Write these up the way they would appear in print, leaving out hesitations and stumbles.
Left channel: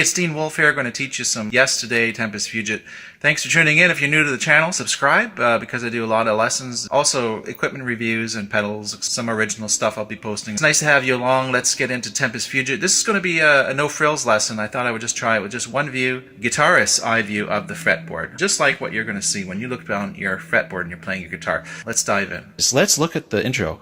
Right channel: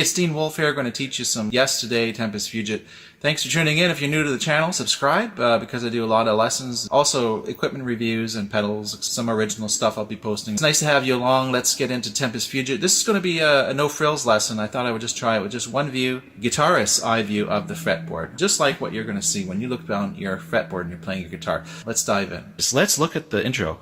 It's Dean Wolf here, going to teach you some Yesterday Tempus Fugit. Thanks for tuning in. If you're new to the channel, subscribe because I do a lot of lessons. Also, equipment reviews and pedals, some original stuff I'll be posting. It's nice to have you along. Let's get into Tempus Fugit. This is going to be a no-frills lesson. I thought I would just try it with just one view, guitarist-eye view of the fretboard. Just like what you're going to see when you look down your fretboard and you're playing your guitar. Let's dive in. So let's look at the intro.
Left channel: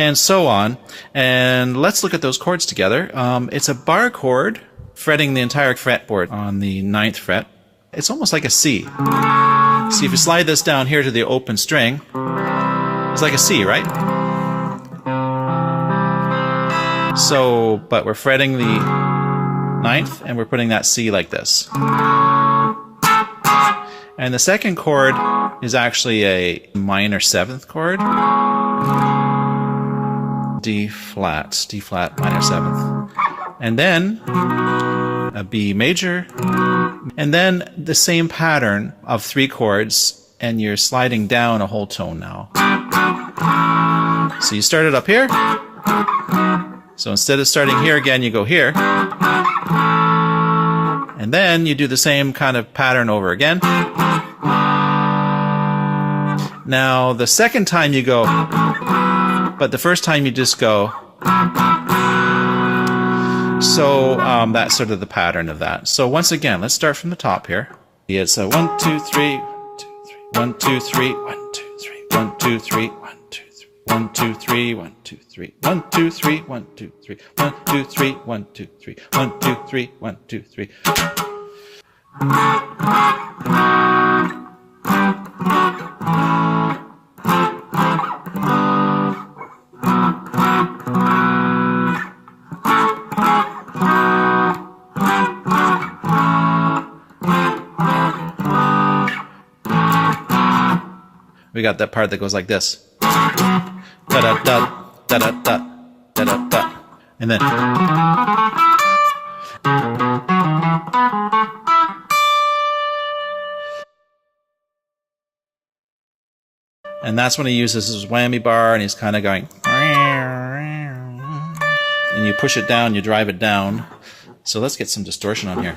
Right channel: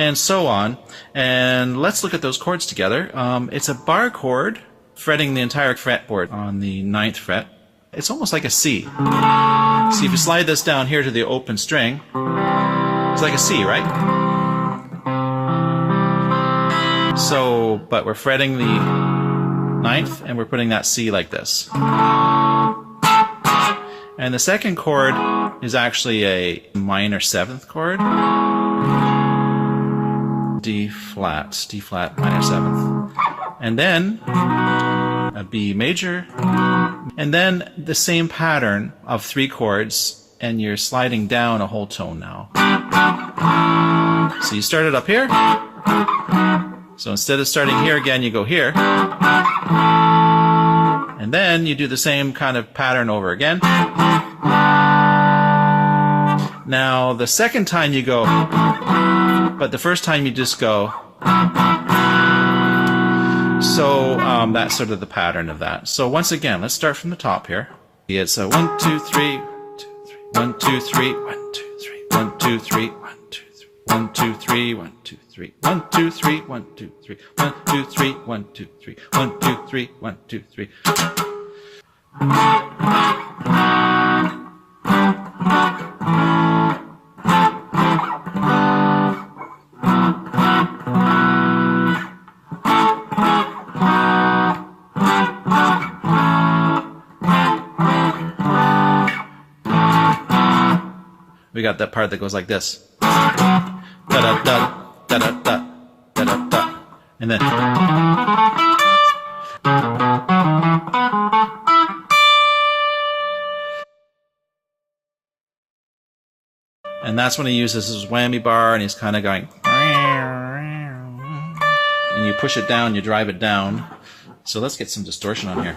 And so on. And let's look at those chords together. It's a bar chord fretting the entire fretboard on the 9th fret. It's almost like a C. See, if you slide this down here to the open string, it's like a C, right? So, but we're fretting the 9th and we're putting that C like this. And the second chord is actually a minor 7th chord. D flat minor 7th, and then a B major, and then the same pattern of 3 chords, and you're sliding down a whole tone now. So you started up here, so instead of starting here again, you go here, and then you do the same kind of pattern over again. Now the second time you go, but the first time you just go. So that's sort of the pattern of that. So once again, let's start from the top here. It's a 1, 2, 3, 1, 2, 3, 1, 2, 3, 1, 2, 3, 1, 2, 3, 1, 2, 3, 1, 2, 3, 1, 2, 3, 1, 2, 3, 1, 2, 3, 1, 2, 3, 1, 2, 3. We got that part that goes like this. Da-da-da, da-da-da, da-da-da. And then. And that's when he uses his whammy bar and he's kind of going. And you push it down, you drive it down. So let's get some distortion on here.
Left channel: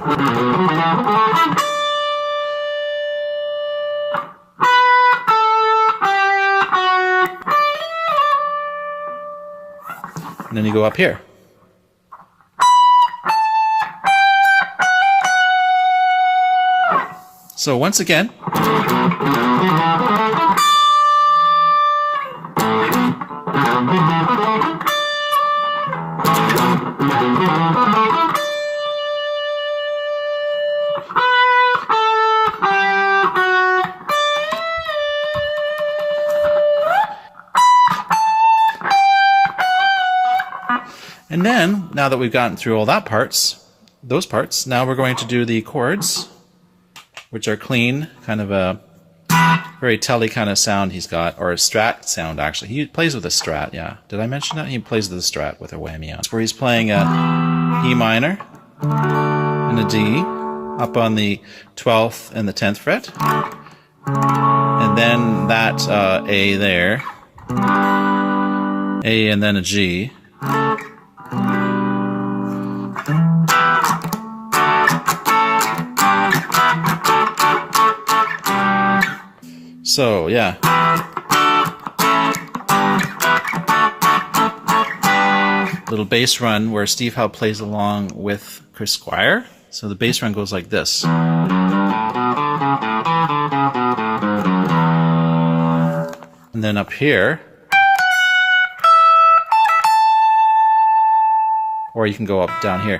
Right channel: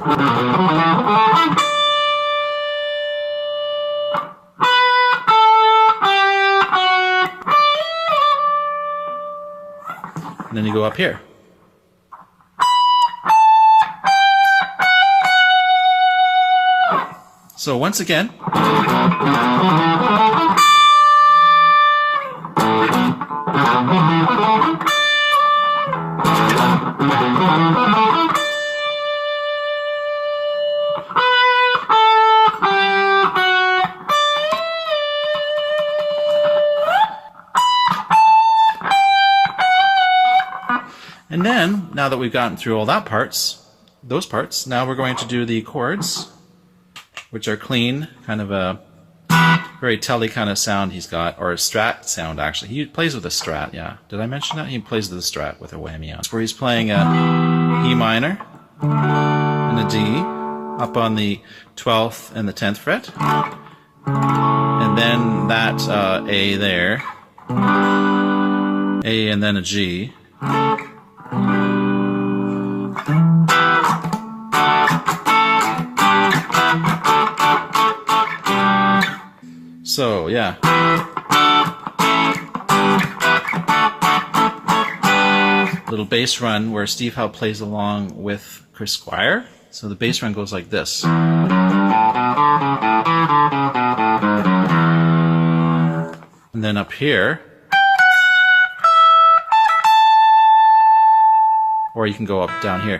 And then you go up here. So once again. And then, now that we've gotten through all that those parts, now we're going to do the chords, which are clean, kind of a very telly kind of sound he's got, or a strat sound actually. He plays with a strat, yeah. Did I mention that? He plays with a strat with a whammy on. Where he's playing a E minor and a D up on the 12th and the 10th fret. And then that A there, A and then a G. So, yeah. Little bass run where Steve Howe plays along with Chris Squire. So the bass run goes like this. And then up here, or you can go up down here.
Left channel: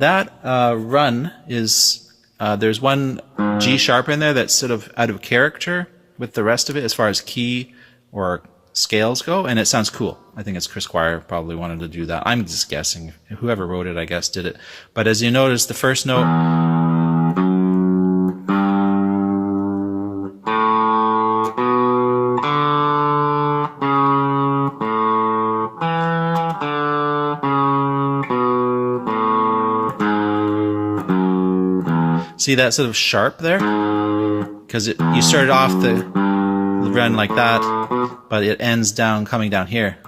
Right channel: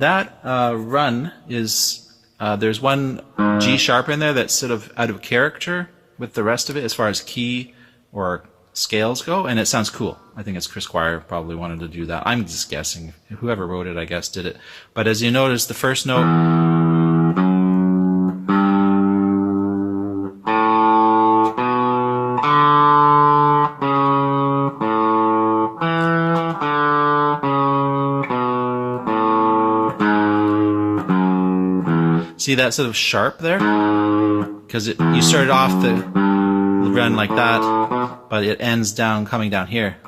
And that run is, there's one G sharp in there that's sort of out of character with the rest of it as far as key or scales go, and it sounds cool. I think it's Chris Squire probably wanted to do that. I'm just guessing. Whoever wrote it, I guess, did it. But as you notice, the first note... See that sort of sharp there? Because you started off the run like that, but it ends down, coming down here.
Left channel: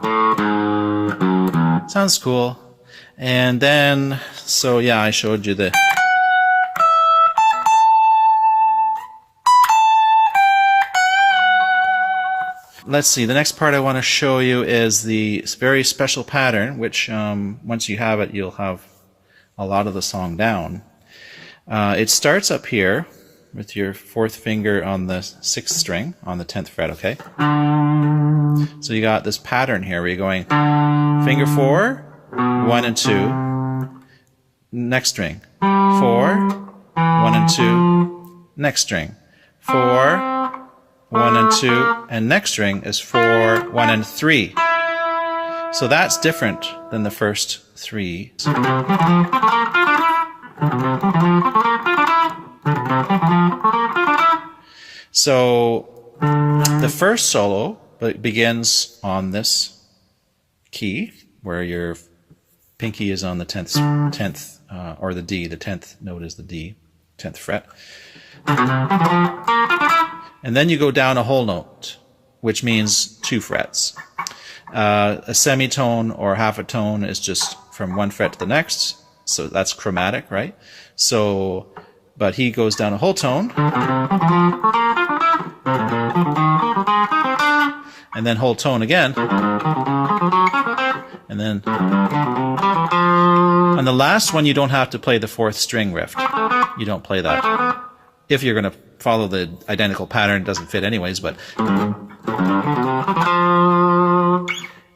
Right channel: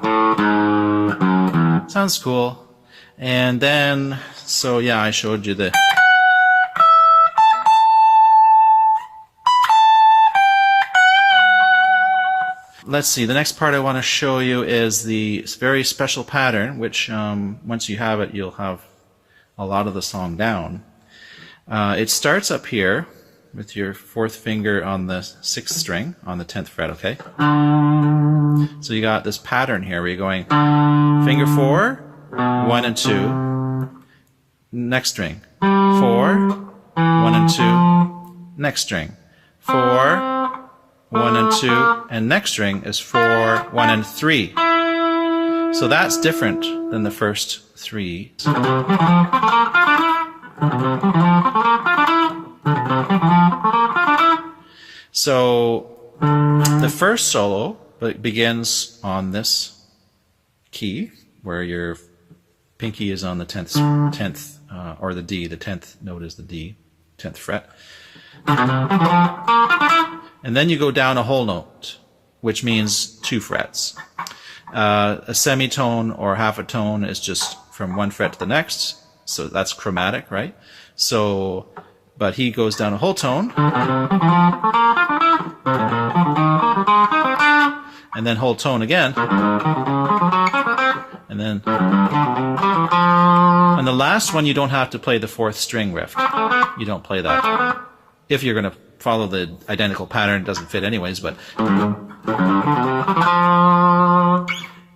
Sounds cool. And then, so yeah, I showed you the... Let's see, the next part I want to show you is the very special pattern, which once you have it, you'll have a lot of the song down. It starts up here with your fourth finger on the 6th string on the 10th fret, okay? So you got this pattern here where you're going finger 4, 1 and 2, next string, 4, 1 and 2, next string, 4, 1 and 2, and next string is 4, 1 and 3. So that's different than the first 3. So the first solo begins on this key where your pinky is on the 10th or the D. The 10th note is the D, 10th fret. And then you go down a whole note, which means 2 frets. A semitone or half a tone is just from one fret to the next, so that's chromatic, right? So, but he goes down a whole tone, and then whole tone again, and then on the last one you don't have to play the 4th string riff. You don't play that. If you're going to follow the identical pattern, it doesn't fit anyways, but...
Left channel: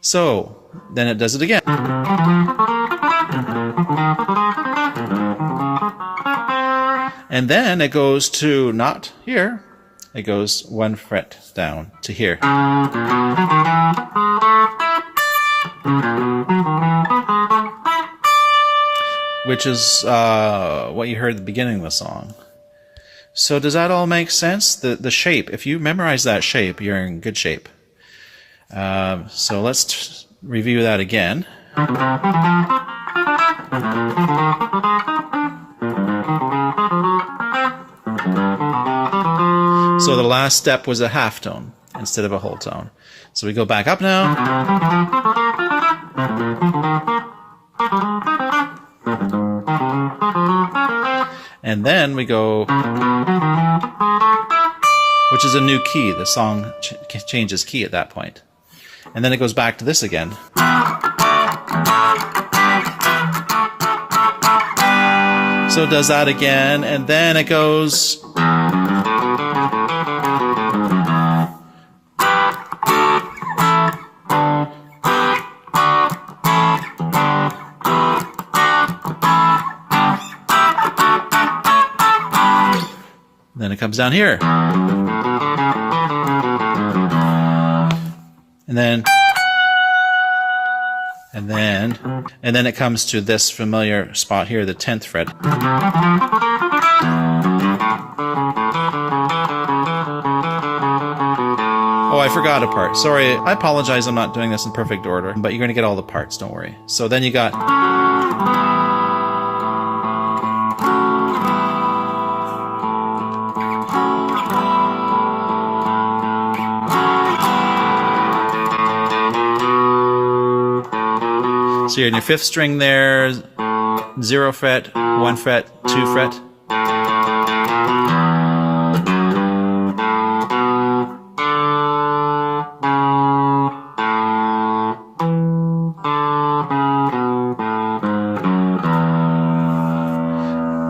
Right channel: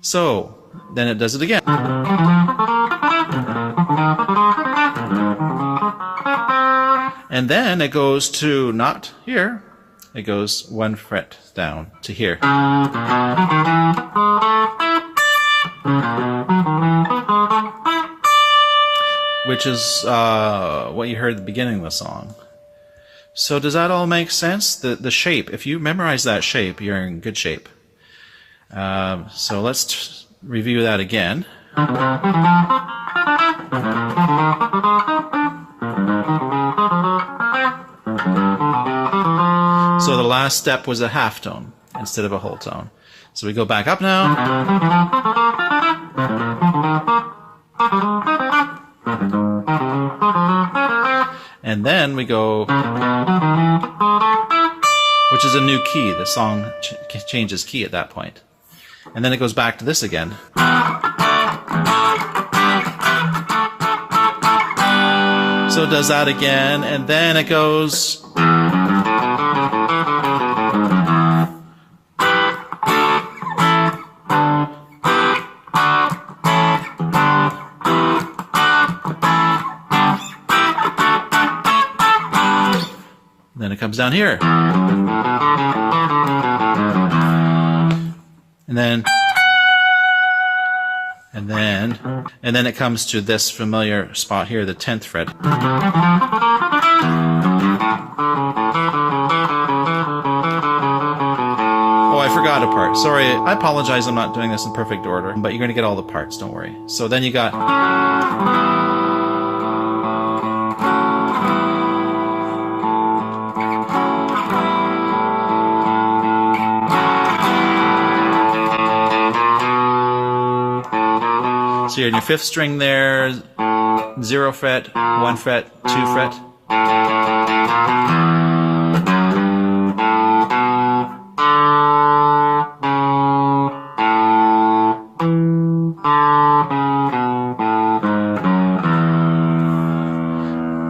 So, then it does it again. And then it goes to, not here, it goes 1 fret down to here. Which is what you heard at the beginning of the song. So does that all make sense? The shape, if you memorize that shape, you're in good shape. So let's review that again. So the last step was a half tone instead of a whole tone. So we go back up now. And then we go, which is a new key. The song changes key at that point. And then it goes back to this again. So it does that again, and then it goes... Then it comes down here. And then it comes to this familiar spot here, the 10th fret. Oh, I forgot a part. Sorry, I apologize I'm not doing this in perfect order, but you're going to get all the parts, don't worry. So then you got... So you're in your 5th string there, 0 fret, 1 fret, 2 fret.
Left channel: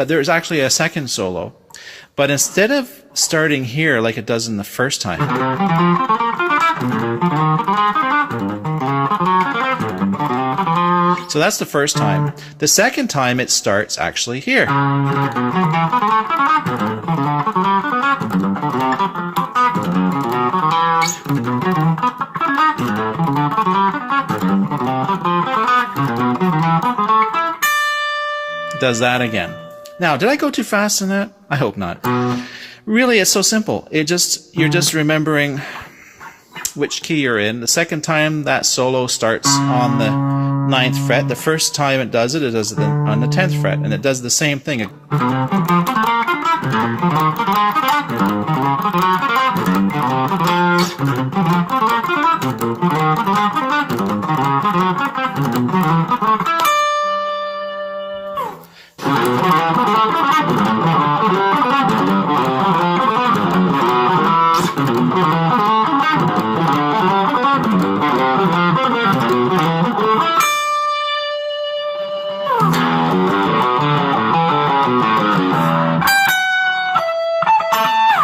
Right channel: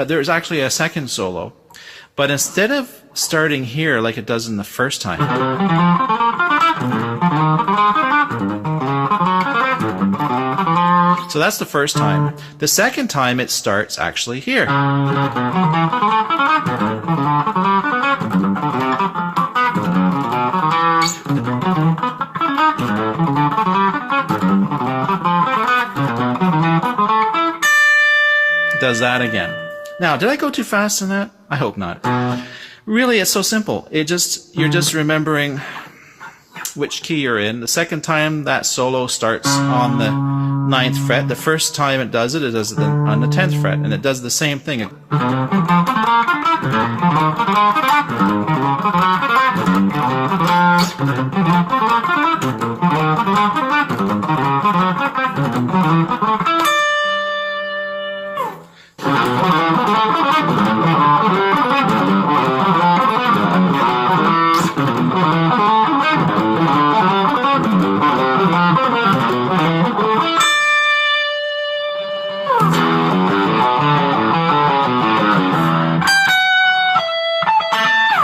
There's actually a second solo, but instead of starting here like it does in the first time, So that's the first time. The second time it starts actually here. It does that again. Now, did I go too fast in that? I hope not. Really, it's so simple. You're just remembering which key you're in. The second time that solo starts on the 9th fret. The first time it does it on the 10th fret, and it does the same thing.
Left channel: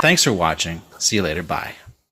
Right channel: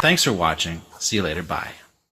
Thanks for watching. See you later. Bye.